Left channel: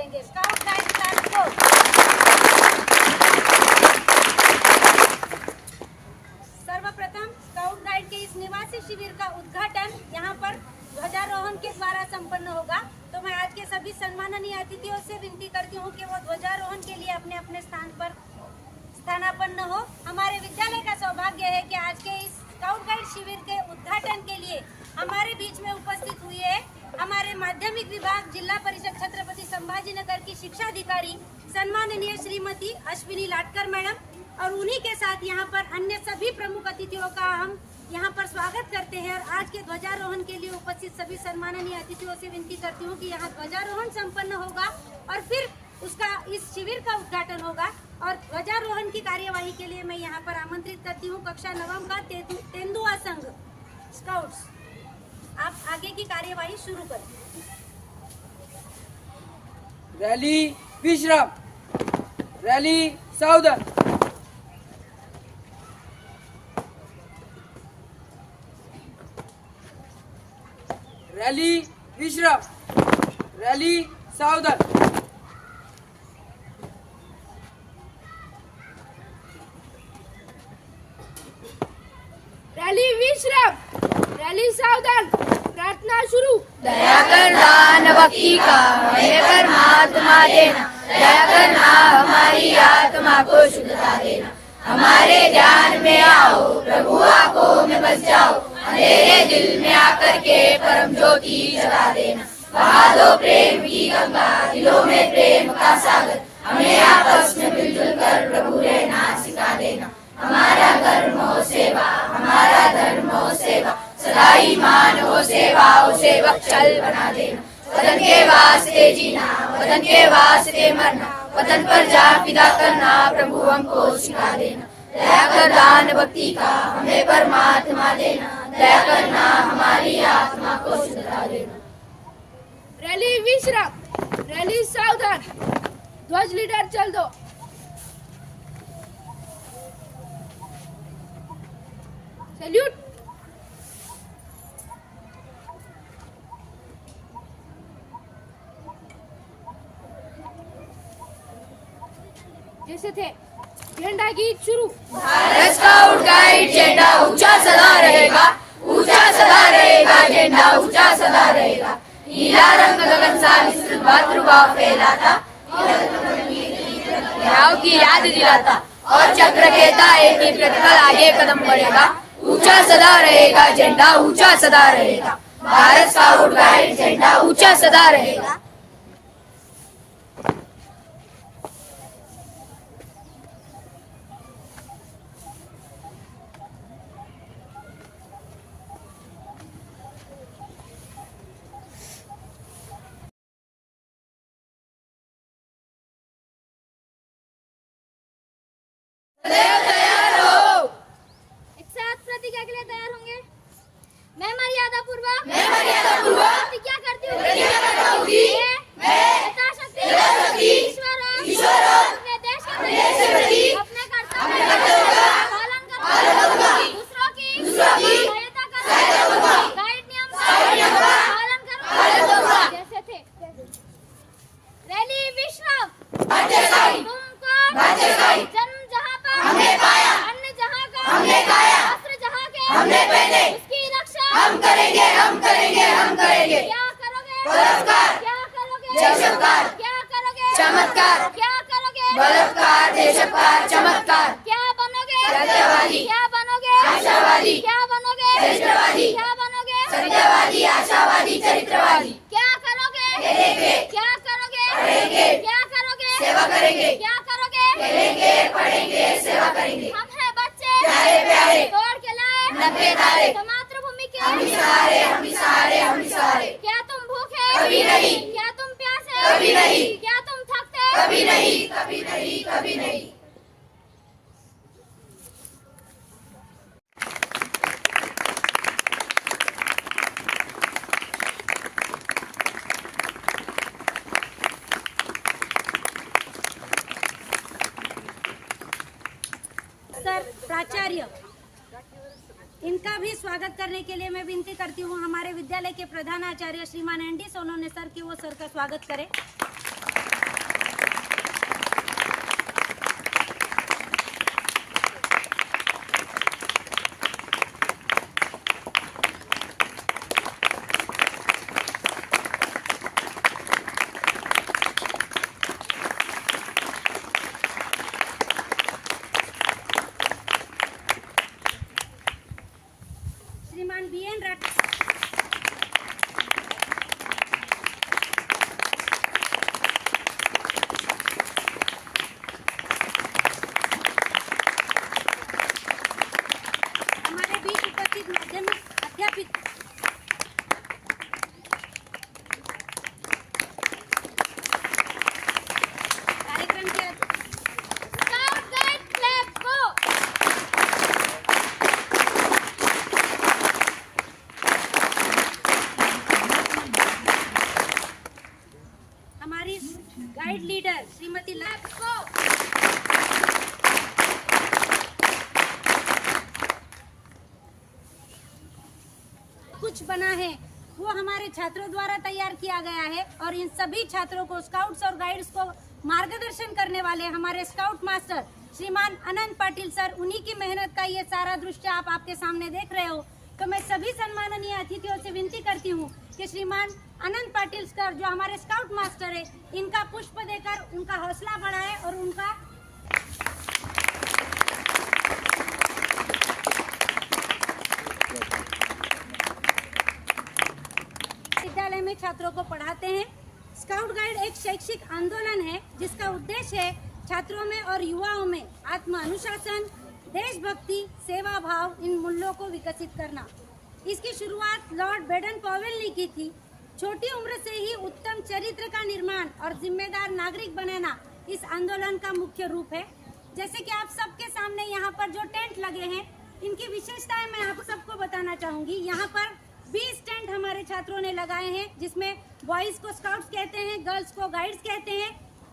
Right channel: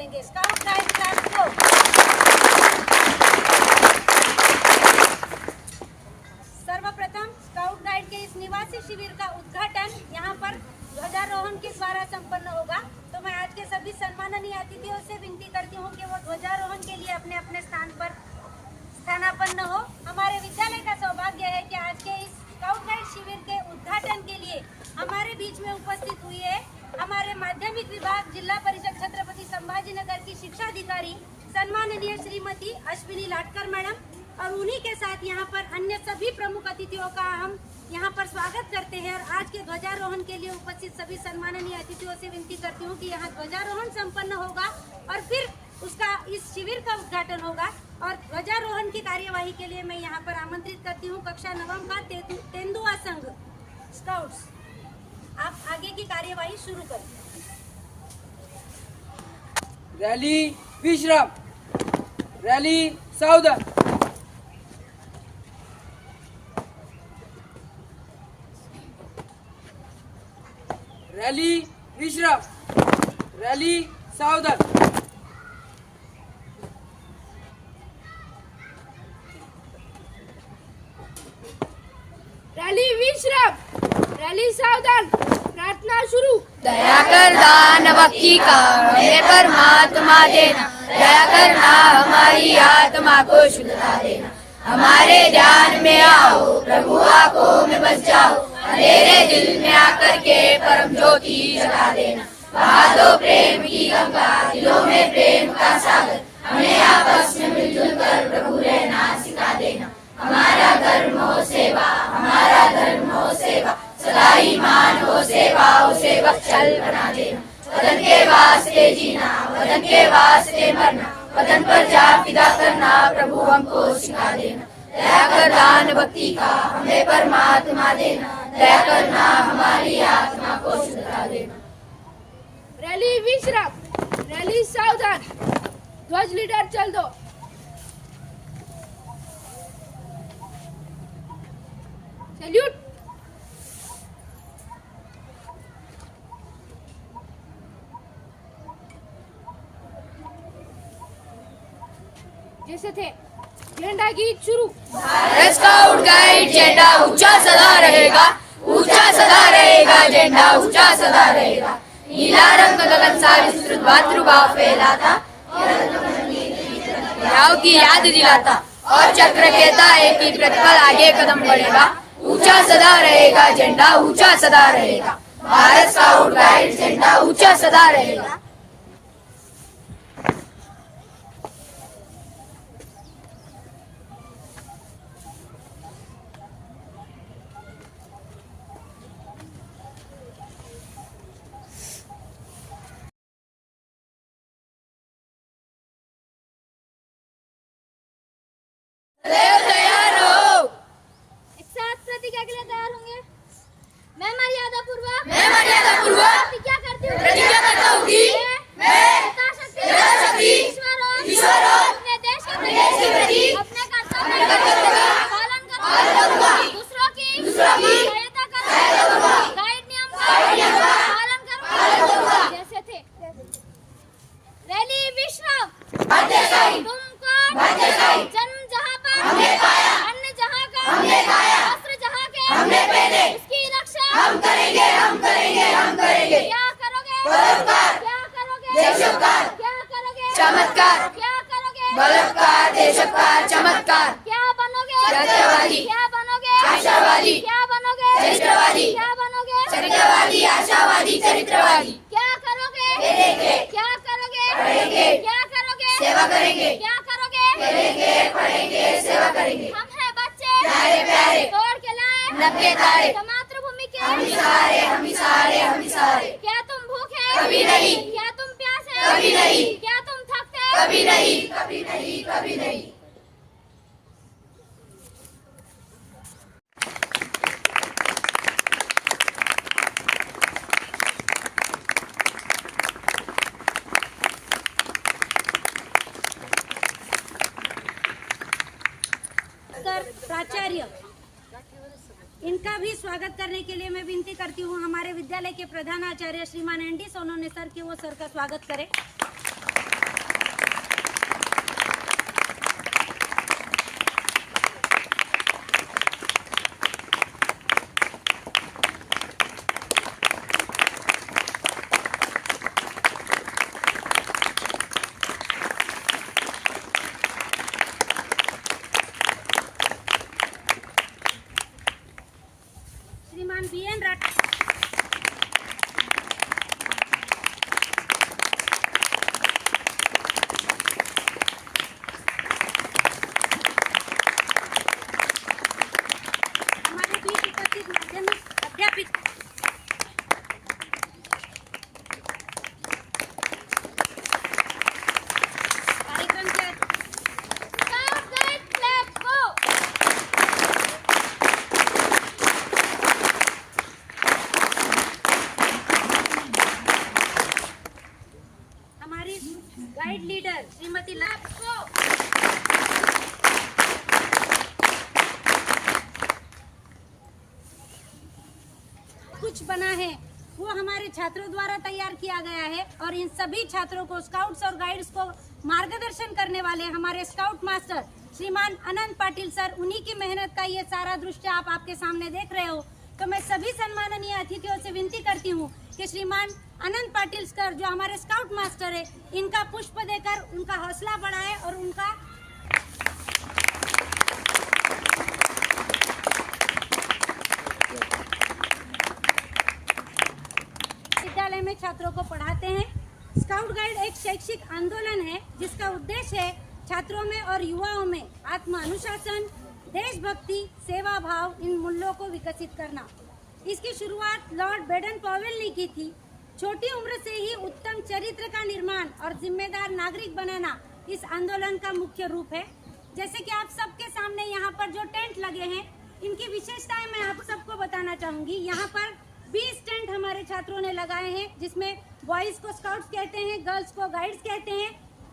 करेंगे। Scout guide class को सर्वप्रथम स्काउट गाइड के इस निवासी शिविर का उद्घाटन यहाँ पर ध्वजारोहण के द्वारा संपन्न होगा। तो मैं आज के सभी सम्माननीय अतिथियों से विनती करती हूँ कि वो ध्वजारोहण के लिए अपने अपने स्थान पर स्थानापन्न हो। हमारे विद्यालय का सौभाग्य है कि आज के इस स्काउट गाइड शिविर के उद्घाटन के लिए हमारे बीच में उपस्थित हुई है हमारे माध्यमिक विभाग जिला परिषद छत्रपति संभाजीनगर की शिक्षा अधिकारी सम्माननीय श्रीमती अश्विनी लाटकर मैडम और उन्हीं के साथ यहाँ पर अन्य सभी प्रमुख अतिथियों का हम यहाँ पर स्वागत करते हैं। और आज के ध्वजारोहण के लिए उपस्थित सभी सम्माननीय अतिथियों से विनती करती हूँ कि यहाँ ध्वजारोहण संपन्न होगा और फिर उसका इस शिविर का उद्घाटन होगा। और ध्वजारोहण की कार्यवाही के लिए मैं यहाँ पर आमंत्रित करती हूँ कक्षा नवम का तेंदुआ संघ स्काउट्स। आप आगे की कार्यवाही शुरू करें। रैली विश्राम, रैली सावधान। रैली विश्राम, रैली सावधान। रैली विश्राम, रैली सावधान। प्रार्थना शुरू। दया कर दानव की हमें परमात्मा देना, दया करना हमारी आत्मा को शुद्धता देना। हमारे ध्यान में आओ प्रभु, आंखों में बस जाओ, अंधेरे दिल में आकर के परम ज्योति जला देना। बहा दो प्रेम की गंगा, दिलों में प्रेम का सागर, हमें आपस में मिलजुल कर प्रभु रहना सिखा देना। हमारा धर्म हो सेवा, हमारा धर्म हो सेवा, सदा ईमान हो सेवा, हो सेवक चल बना देना। वतन के वास्ते जीना, वतन के वास्ते मरना, वतन पर जा फिदा करना प्रभु हमको सिखा देना। दया कर दान भक्ति का हमें परमात्मा देना, दया करना हमारी आत्मा को शुद्धता देना। रैली विश्राम, रैली सावधान। ध्वज लीडर चल दो। सैल्यूट। जैसे थे झंडा गीत शुरू। भारत स्काउट गाइड झंडा ऊंचा सदा रहेगा, ऊंचा सदा रहेगा, झंडा ऊंचा सदा रहेगा। नीला रंग गगन सा विस्तृत मातृभाव फैलाता, गाँव की याद दिलाता और चक्र कहता एक प्रतिपल आगे कदम बढ़ेगा। ऊंचा सदा रहेगा झंडा, ऊंचा सदा रहेगा। भारत स्काउट गाइड झंडा ऊंचा सदा रहेगा। प्रतिज्ञा के लिए तैयार होंगे। मैं मर्यादा पूर्वक प्रतिज्ञा करती हूँ कि मैं यथाशक्ति ईश्वर और अपने देश के प्रति अपने कर्तव्यों का पालन करूँगा, दूसरों की सहायता करूँगा, गाइड नियम का पालन करूँगा। जैसे थे रैली विश्राम। तुमको जन्म जहाँ पर हमने पाया, अन्न जहाँ का हमने खाया, हमने पहने, इसकी रक्षा हम करेंगे, हम करेंगे, हम करेंगे। क्या करोगे? बलात्कार। क्या करोगे? देशपकार। क्या करोगे? चमत्कार। क्या करोगे? बलात्कार, देशपकार, चमत्कार। क्या बनोगे? सत्यवादी। क्या बनोगे? आशावादी। क्या बनोगे? चरित्रवादी। क्या बनोगे? सत्यवादी, आशावादी, चरित्रवादी। क्या करोगे? खेलेंगे। क्या करोगे? पढ़ेंगे। क्या करोगे? सेवा करेंगे। क्या करोगे? खेलेंगे, पढ़ेंगे, सेवा करेंगे। हम हैं बच्चे प्यारे प्यारे, तोड़ के लाए नब्बे तारे, मातृभूमि के हम सारे, हम सारे, हम सारे। क्या तुम भूखे? कभी नहीं। क्या तुम प्यासे? कभी नहीं। क्या तुम थकते? कभी नहीं, कभी नहीं, कभी नहीं। प्राचार्य इनका भी स्वागत करने के लिए मैं विनती करती हूँ हमारे विद्यालय के प्रधानाचार्य श्रीमान एनडी सोनोने सर की वो सर का स्वागत करें। BN राठौर। हमारे बीच उपस्थित माध्यमिक अध्यापिका कार्यक्रम के स्काउट गाइड क्लब को हमारी गाइड लीडर श्रीमती लाभ को कुछ बना है वो हमारे छात्रों द्वारा तैयार किया गया है और इन सभी छात्रों को स्काउट्स और गाइड्स को मार्गदर्शन करने वाले हमारे स्काउट मास्टर श्रीमान अनंत पाटिल सर, उन्हीं की मेहनत का ये सारा दृश्य आप आपके सामने देख रहे हो। तो मैं सभी सम्माननीय अतिथियों से विनती करती हूँ कि श्रीमान अनंत पाटिल सर जो हमारे स्काउट मास्टर है, इनका पुष्प देकर उनका हौसला बढ़ाए और उनका विद्यालय में छात्रों को पढ़ाते हैं। स्काउट गाइड एक शैक्षिक आंदोलन है जिसका उद्देश्य है छात्रों में और युवाओं में आत्म अनुशासन, देशभक्ति, सेवा भाव, इन मूल्यों को विकसित करना। इसकी शुरुआत लॉर्ड बेडन पॉवेल ने की थी। छोटी उम्र से ही उत्तम चरित्र का निर्माण और जिम्मेदार नागरिक बनाना इस आंदोलन का मुख्य रूप है। जैसे कि आप सबके सामने यहाँ पर जो टेंट लगे हैं, इनकी विशेषताएं मैं आप सबको बताना चाहूंगी। यहाँ पर 20 टेंट हमारे छात्रों ने लगाए हैं, जिसमें बॉयज को स्काउट्स कहते हैं, गर्ल्स को गाइड्स कहते हैं।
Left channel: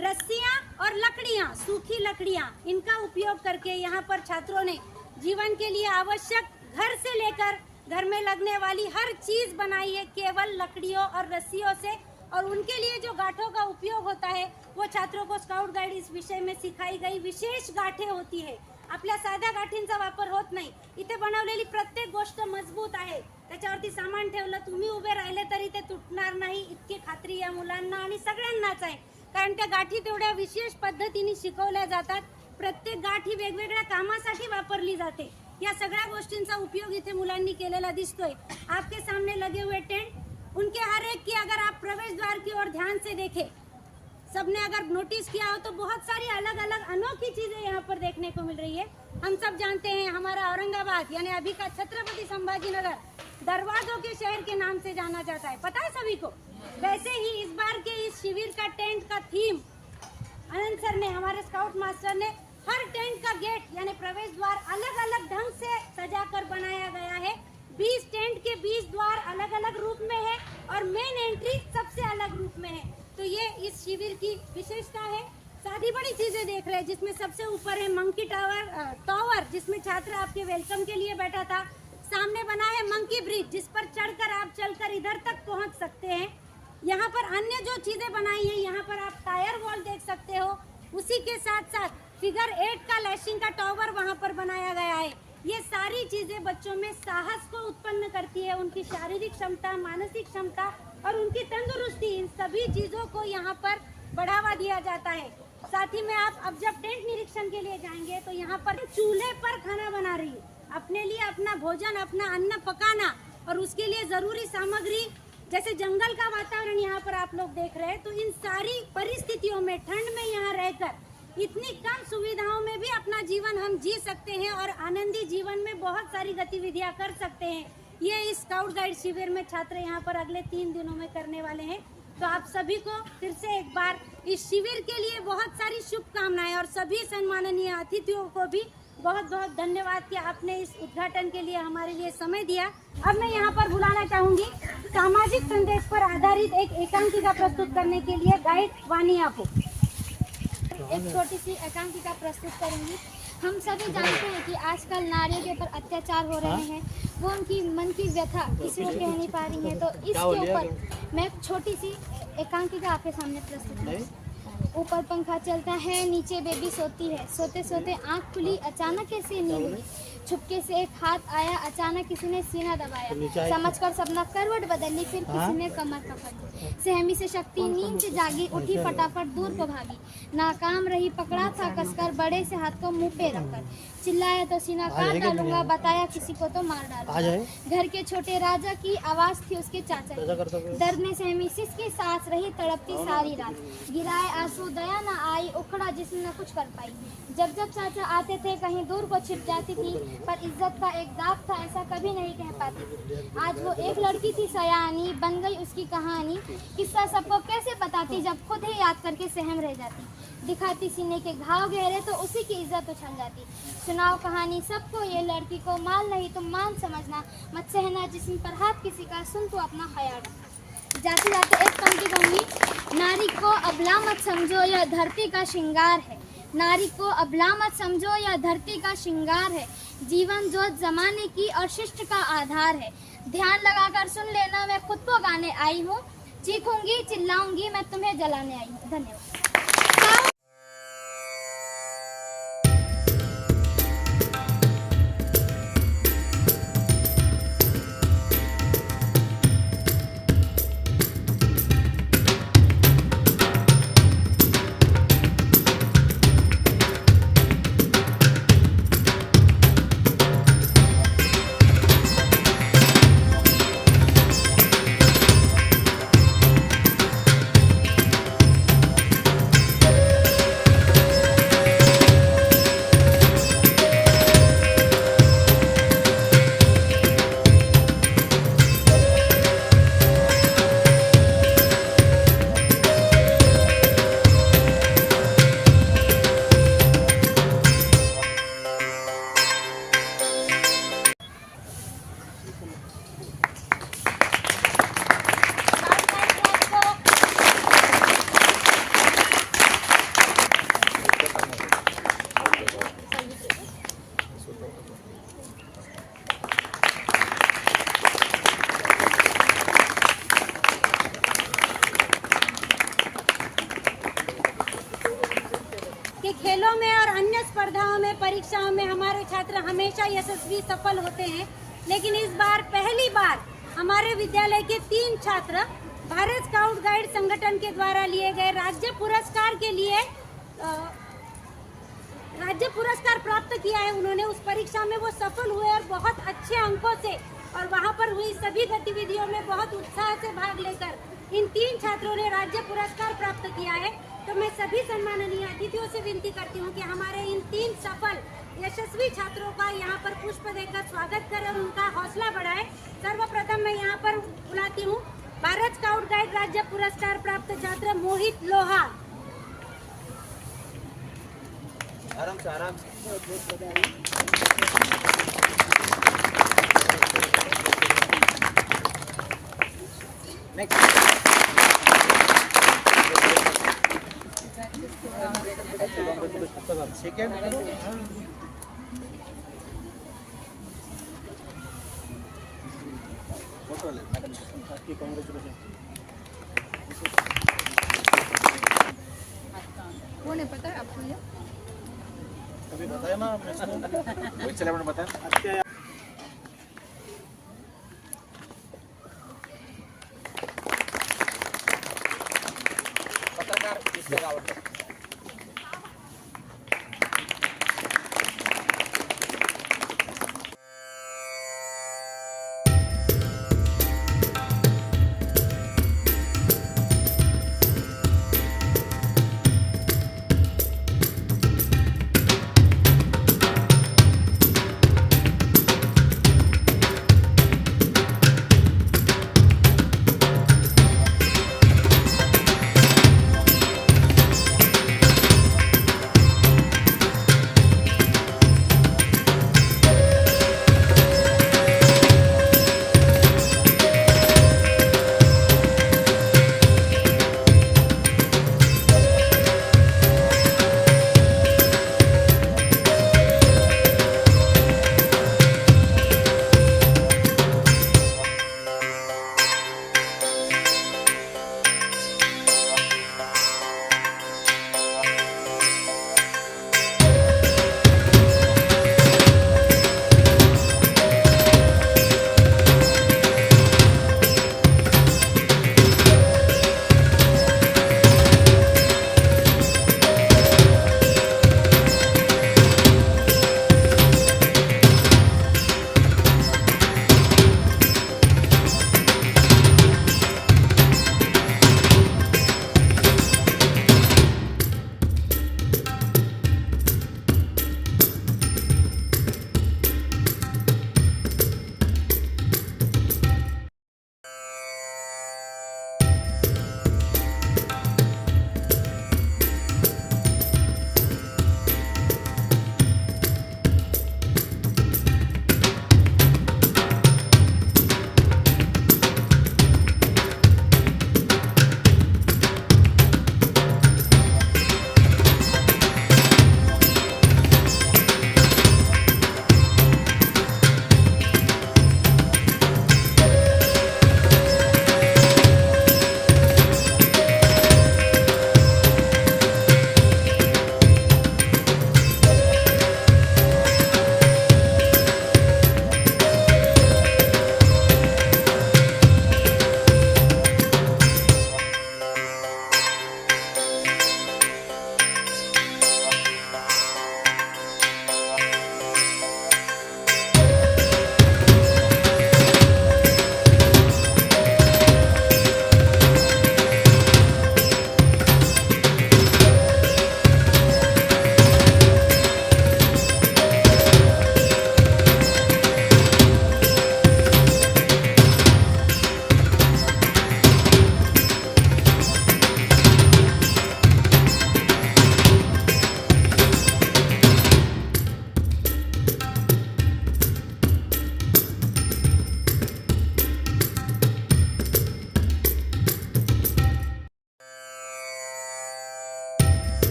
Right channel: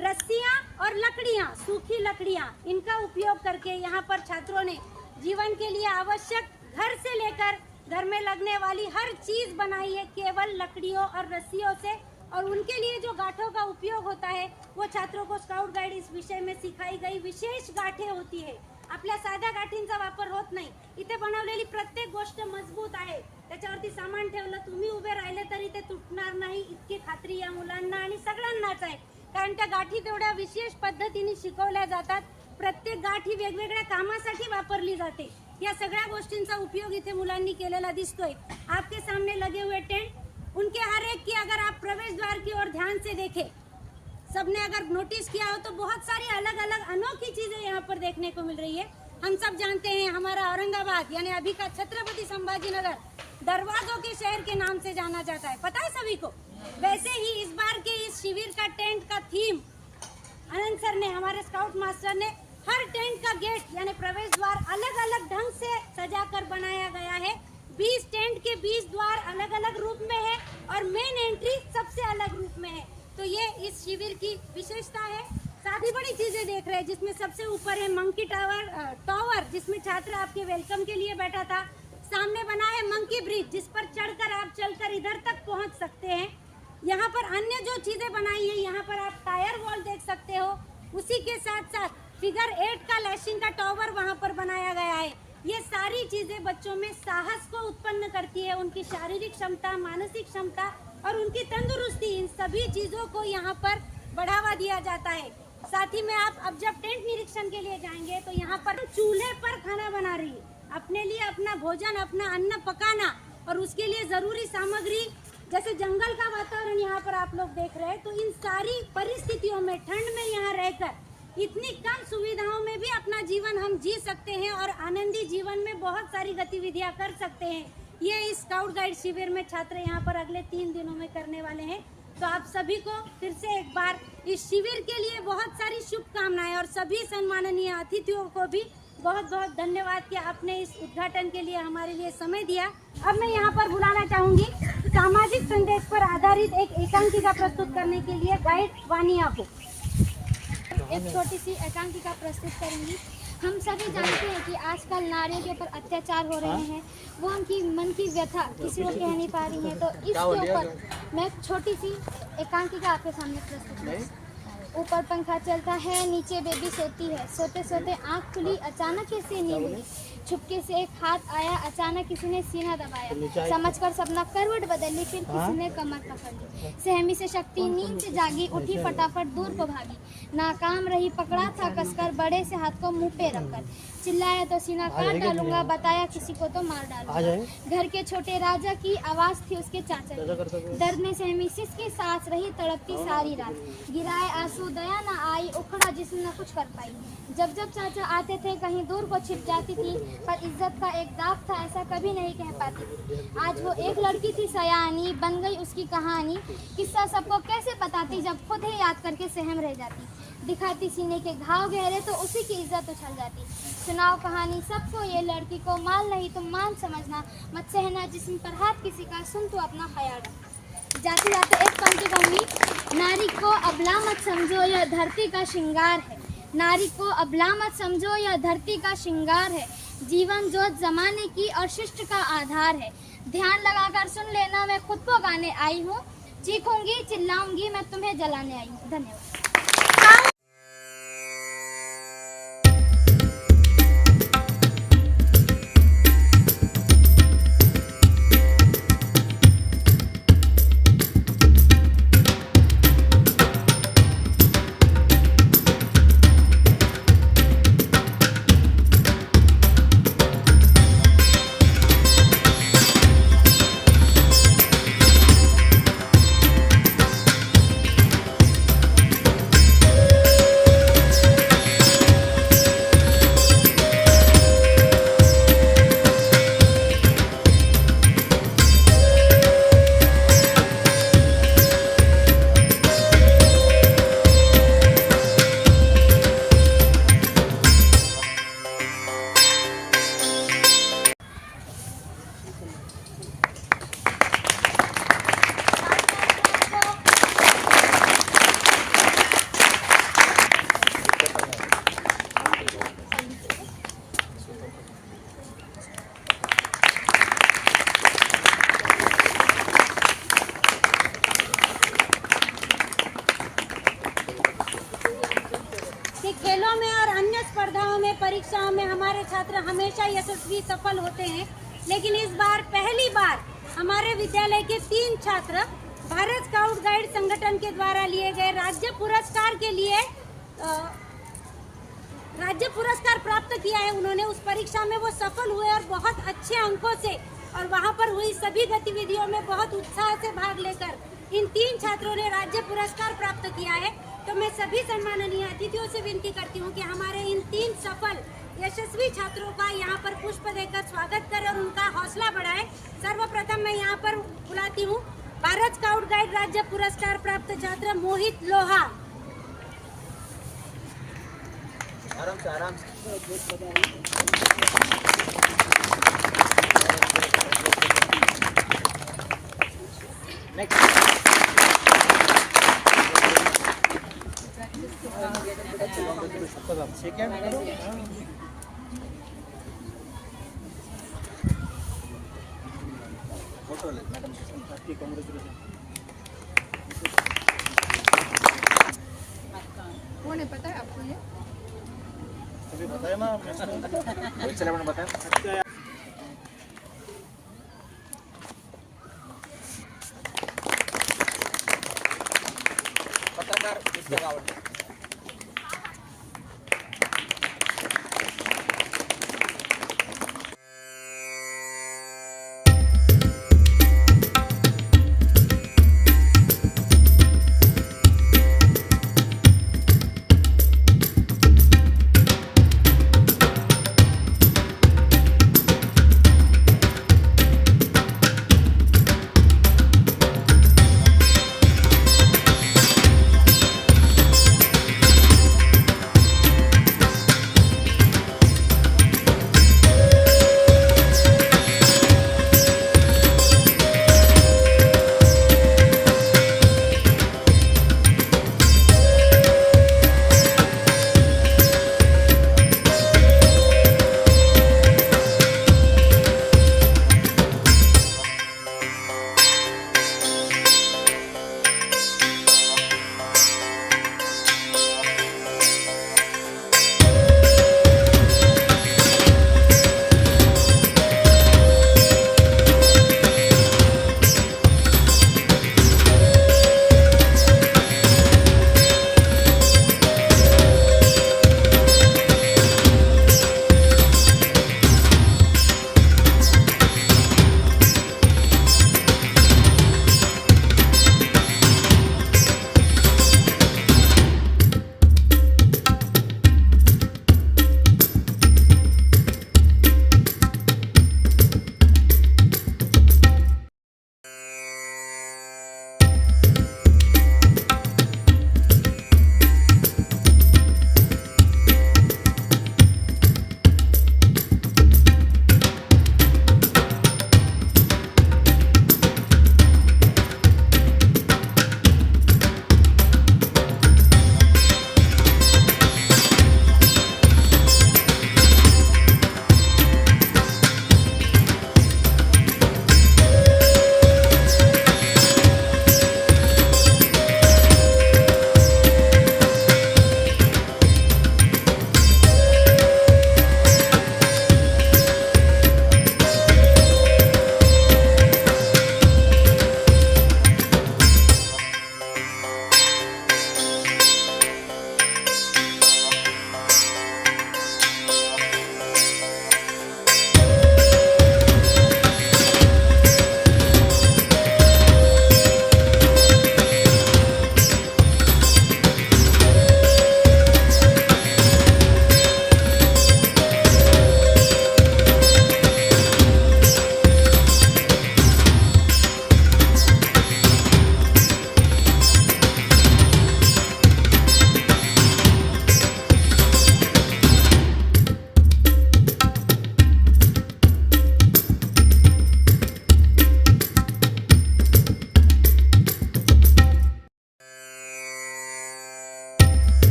रस्सियां और लकड़ियां, सूखी लकड़ियां, इनका उपयोग करके यहाँ पर छात्रों ने जीवन के लिए आवश्यक घर से लेकर घर में लगने वाली हर चीज बनाई है केवल लकड़ियों और रस्सियों से। और उनके लिए जो गांठों का उपयोग होता है वो छात्रों को स्काउट गाइड इस विषय में सिखाई गई विशेष गाठे होती है। आपल्या साध्या गाठींचा वापर होत नाही। इथे बनवलेली प्रत्येक गोष्ट मजबूत आहे। त्याच्यावरती सामान ठेवलं, तुम्ही उभे राहिले तरी ते तुटणार नाही, इतकी खात्री या मुलांना आणि सगळ्यांनाच आहे। कारण त्या गाठी तेवढ्या विशेष पद्धतीने शिकवल्या जातात। प्रत्येक गाठी वेगवेगळ्या कामासाठी वापरली जाते। या सगळ्या गोष्टींचा उपयोग इथे मुलांनी केलेला दिसतोय। आपके सामने लगे हुए टेंट, उनके हर एक की अगर आप प्रवेश द्वार की ओर ध्यान से देखें, सबने अगर नोटिस किया हो तो बहुत सारी अलग अलग अनोखी चीजें यहाँ पर देखने को मिल रही है। हम सब जानते हैं हमारा औरंगाबाद यानी अभी का छत्रपति संभाजीनगर दरवाजों के शहर के नाम से जाना जाता है, पता है सभी को। वैसे ही इस बार के इस शिविर का टेंट का थीम आनंद सर ने, हमारे स्काउट मास्टर ने, हर टेंट का गेट यानी प्रवेश द्वार अलग अलग ढंग से सजा कर बनाया गया है। 20 टेंट के 20 द्वार अलग अलग रूप में है और मेन एंट्री सबसे अलग रूप में है। तो ये इस शिविर की विशेषता है। साथ ही बड़ी चीजें देख रहे हैं, जिसमें सबसे ऊपर है मंकी टावर, जिसमें छात्र आपके वेलकम के लिए बैठा था। सामने बना है मंकी ब्रिज, जिस पर चढ़कर आप चलकर इधर तक पहुंच सकते हैं। यहाँ पर अन्य जो चीजें बनाई है, यहाँ पर आप टायर वॉल देख सकते हो। उसी के साथ साथ फिगर 8 का लैशिंग का टावर वहाँ पर बनाया गया है। ये सारी चीजें बच्चों में साहस को उत्पन्न करती है, उनकी शारीरिक क्षमता, मानसिक क्षमता और उनकी तंदुरुस्ती, इन सभी चीजों को यहाँ पर बढ़ावा दिया जाता है। साथ ही में आप अब जब टेंट निरीक्षण के लिए जाएंगे तो यहाँ पर चूल्हे पर खाना बना रही है, अपने लिए अपना भोजन, अपना अन्न पकाना और उसके लिए जरूरी सामग्री, जैसे जंगल का वातावरण यहाँ पर आप लोग देख रहे हैं। तो इन सारी परिस्थितियों में, ठंड में यहाँ रहकर इतनी कम सुविधाओं में भी अपना जीवन हम जी सकते हैं और आनंदी जीवन में बहुत सारी गतिविधियां कर सकते हैं। ये इस स्काउट गाइड शिविर में छात्र यहाँ पर अगले 3 दिनों में करने वाले हैं। तो आप सभी को फिर से एक बार इस शिविर के लिए बहुत सारी शुभकामनाएं और सभी सम्माननीय अतिथियों को भी बहुत बहुत धन्यवाद कि आपने इस उद्घाटन के लिए हमारे लिए समय दिया। अब मैं यहाँ पर बुलाना चाहूंगी सामाजिक संदेश पर आधारित एक एकांकिका प्रस्तुत करने के लिए गाइड वानिया को। एक छोटी सी एकांकिका प्रस्तुत करूंगी। हम सभी जानते हैं कि आजकल नारियों के ऊपर अत्याचार हो रहे हैं, वो उनकी मन की व्यथा किसी को कह नहीं पा रही हैं। तो इसके ऊपर मैं एक छोटी सी एकांकिका आपके सामने प्रस्तुत करूँ। ऊपर पंखा चलता है, नीचे बेबी सोती है, सोते सोते आँख खुली, अचानक कैसे नींद हुई, छुपके से एक हाथ आया, अचानक किसी ने सीना दबाया, समझकर सपना करवट बदली, फिर किसी ने कमर पकड़ ली, सहमी से शक्ति नींद से जागी, उठी फटाफट दूर को भागी, नाकाम रही, पकड़ा था कसकर, बड़े से हाथ को मुंह पे रखकर, चिल्लाया तो सीना काट डालूंगा, बताया किसी को तो मार डालूंगा। घर के छोटे राजा की आवाज थी उसके चाचा की, दर्द में सहमी सिसकी सांस रही तड़पती सारी रात। गिराए आंसू दया न आई, उखड़ा जिस्म न कुछ कर पाई। जब जब चाचा आते थे कहीं दूर को छिप जाती थी, पर इज्जत का एक दाग था ऐसा कभी नहीं कह पाती थी। आज वो एक लड़की थी सयानी, बन गई उसकी कहानी। किस्सा सबको कैसे बताती जब खुद ही याद करके सहम रह जाती। दिखाती सीने के घाव गहरे तो उसी की इज्जत उछल जाती। सुनाओ कहानी सबको ये लड़की को, माल नहीं तुम मान समझना, मत सहना जिस्म पर हाथ किसी का, सुन तो अपना ख्याल। जाते जाते एक पंक्ति कहूँगी, नारी को अबला मत समझो यह धरती का श्रृंगार है। नारी को अबला मत समझो यह धरती का श्रृंगार है। जीवन जोत जमाने की और शिष्ट का आधार है। ध्यान लगाकर सुन लेना, मैं खुद को गाने आई हूँ। चीखूंगी चिल्लाऊंगी, मैं तुम्हें जलाने आई हूँ। धन्यवाद। कि खेलों में और अन्य स्पर्धाओं में, परीक्षाओं में हमारे छात्र हमेशा यशस्वी सफल होते हैं, लेकिन इस बार पहली बार हमारे विद्यालय के 3 छात्र भारत स्काउट गाइड संगठन के द्वारा लिए गए राज्य पुरस्कार के लिए राज्य पुरस्कार प्राप्त किया है। उन्होंने उस परीक्षा में वो सफल हुए और बहुत अच्छे अंकों से और वहाँ पर हुई सभी गतिविधियों में बहुत उत्साह से भाग लेकर इन 3 छात्रों ने राज्य पुरस्कार प्राप्त किया है। तो मैं सभी सम्माननीय अतिथियों से विनती करती हूँ कि हमारे इन 3 सफल यशस्वी छात्रों का यहाँ पर पुष्प देकर स्वागत करें और उनका हौसला बढ़ाएं। सर्वप्रथम मैं यहाँ पर बुलाती हूँ भारत स्काउट गाइड राज्य पुरस्कार प्राप्त छात्र मोहित लोहा। आराम से आराम से। कौन है पता है आपको ये? अभी बताया ना आपने, चले मैंने बताया।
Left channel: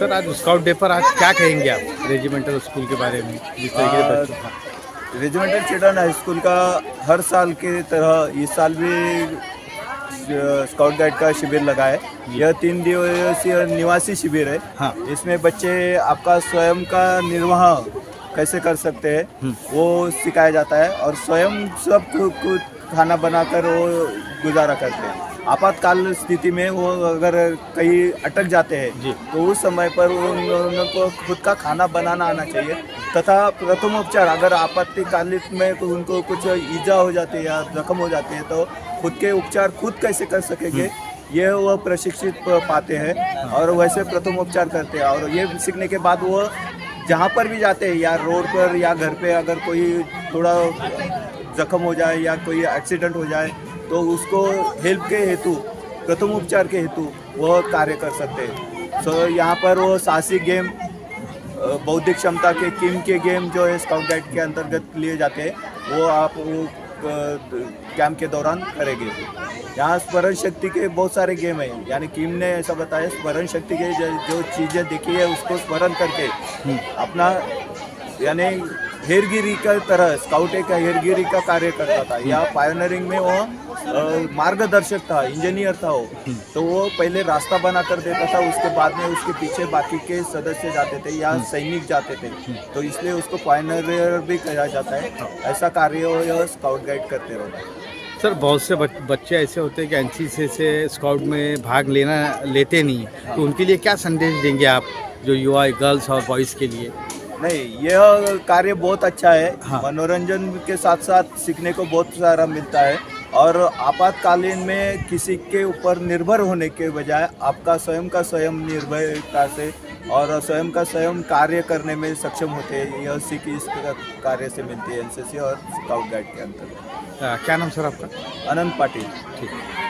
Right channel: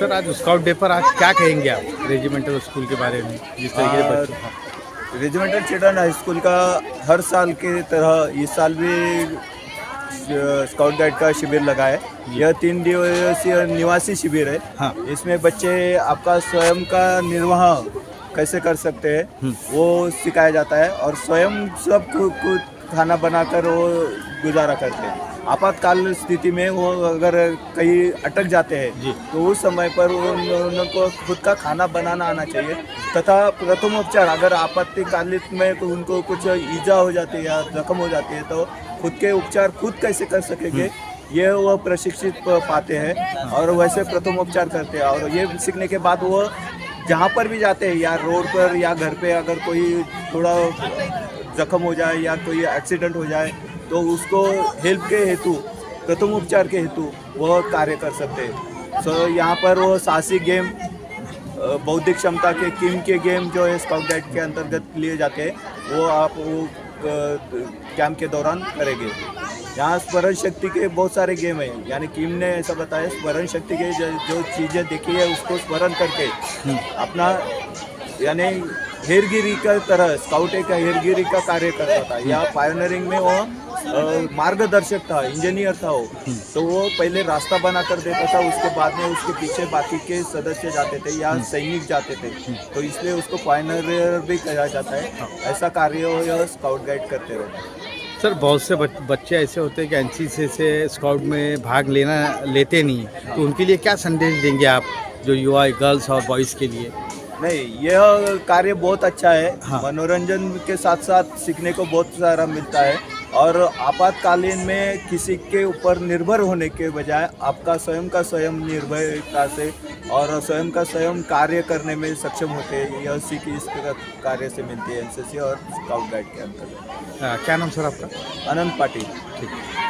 सर आज स्काउट डे पर आज क्या कहेंगे आप रेजिमेंटल स्कूल के बारे में, जिस तरीके से बच्चों हाँ। रेजिमेंटल चिल्ड्रन हाई स्कूल का हर साल की तरह इस साल भी स्काउट गाइड का शिविर लगा है। यह 3 दिवसीय निवासी शिविर है। हाँ। इसमें बच्चे आपका स्वयं का निर्वाह कैसे कर सकते हैं वो सिखाया जाता है और स्वयं सब खुद खाना बनाकर वो गुजारा करते हैं। आपातकाल स्थिति में वो अगर कहीं अटक जाते हैं तो उस समय पर उनको खुद का खाना बनाना आना चाहिए तथा प्रथमोपचार अगर आपातकालिक में उनको कुछ ईजा हो जाती है या जख्म हो जाती है तो खुद के उपचार खुद कैसे कर सकेंगे ये वो प्रशिक्षित पाते हैं और वैसे प्रथमोपचार करते हैं। और ये सीखने के बाद वो जहाँ पर भी जाते हैं या रोड पर या घर पे अगर कोई थोड़ा जख्म हो जाए या कोई एक्सीडेंट हो जाए तो उसको हेल्प के हेतु प्रथम उपचार के हेतु वो कार्य कर सकते हैं। सो यहाँ पर वो साहसिक गेम बौद्धिक क्षमता के किम के गेम जो है स्काउट गाइड के अंतर्गत लिए जाते हैं वो आप वो कैंप के दौरान करेंगे। यहाँ स्मरण शक्ति के बहुत सारे गेम हैं, यानी किम ने ऐसा बताया स्मरण शक्ति के जो चीज़ें देखी है उसको स्मरण करके अपना यानी हेरगिरी का तरह स्काउट एक हेरगिरी का कार्य करता था या पायोनियरिंग में वो मार्गदर्शक था, इंजीनियर था वो। तो वो पहले रास्ता बना कर देता था, उसके बाद में उसके पीछे बाकी के सदस्य जाते थे या सैनिक जाते थे, तो इसलिए उसको पायोनियर भी कहा जाता है। ऐसा कार्य यह स्काउट गाइड करते रहे। सर बहुत से बच्चे ऐसे होते हैं कि एनसीसी से स्काउट में भाग लेते नहीं, तो उनके लिए क्या संदेश देंगे आप, जो युवा गर्ल्स और बॉयज़ के लिए? नहीं, यह कार्य बहुत अच्छा है। हाँ। मनोरंजन के साथ साथ सीखने को बहुत सारा मिलता है और आपातकालीन में किसी के ऊपर निर्भर होने के बजाय आपका स्वयं का स्वयं निर्भरता से और स्वयं का स्वयं कार्य करने में सक्षम होते हैं। यह सीख इस कार्य से मिलती है एनसीसी और स्काउट गाइड के अंतर्गत। क्या नाम सर आपका? अनंत पाटिल। ठीक है।